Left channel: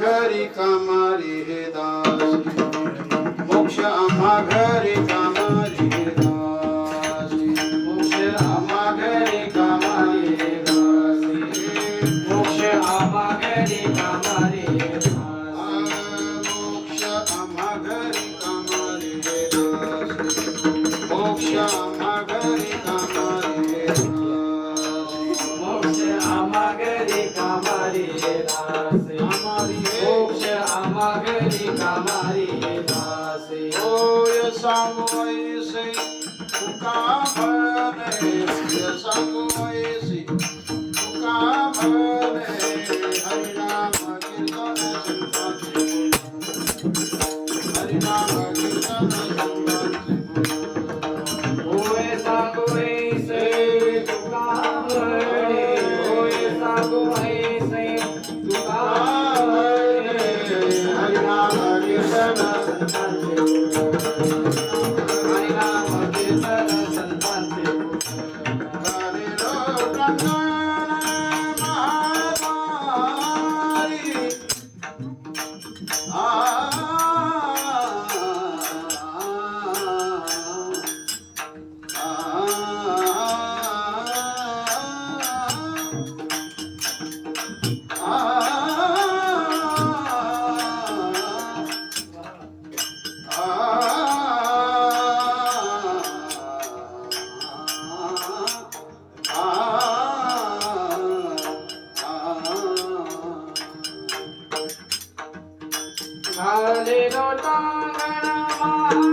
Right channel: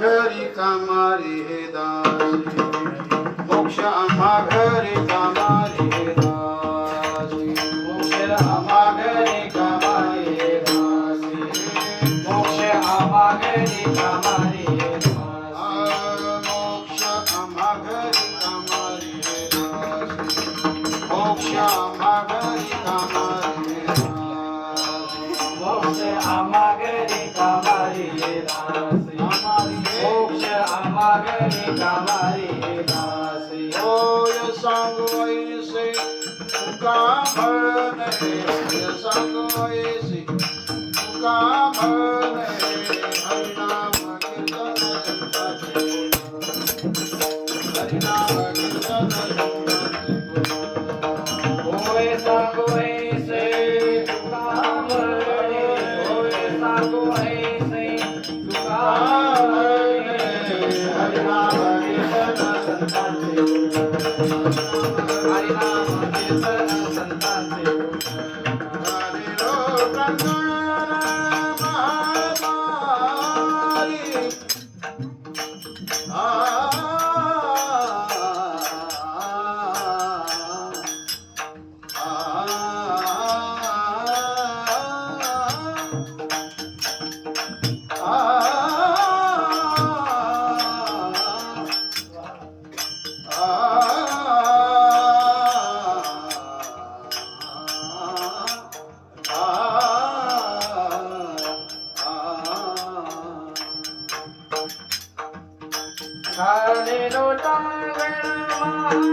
घरी कामारी दासी मोक्ष आम्हा घरी कामारी दासी मोक्ष आम्हा घरी कामारी दासी मोक्ष आम्हा घरी कामारी मोक्ष आम्हा घरी कामारी दासी मोक्ष आम्हा घरी कामारी मोक्ष आम्हा घरी कामारी दासी मोक्ष आम्हा घरी कामारी दासी होय सांगू ऐसे तुका म्हणे होय सांगू ऐसे तुका म्हणे हरिनाम कीर्तन संताचे हरिनाम कीर्तन होय सांगू ऐसे तुका म्हणे होय सांगू ऐसे तुका Hallelujah.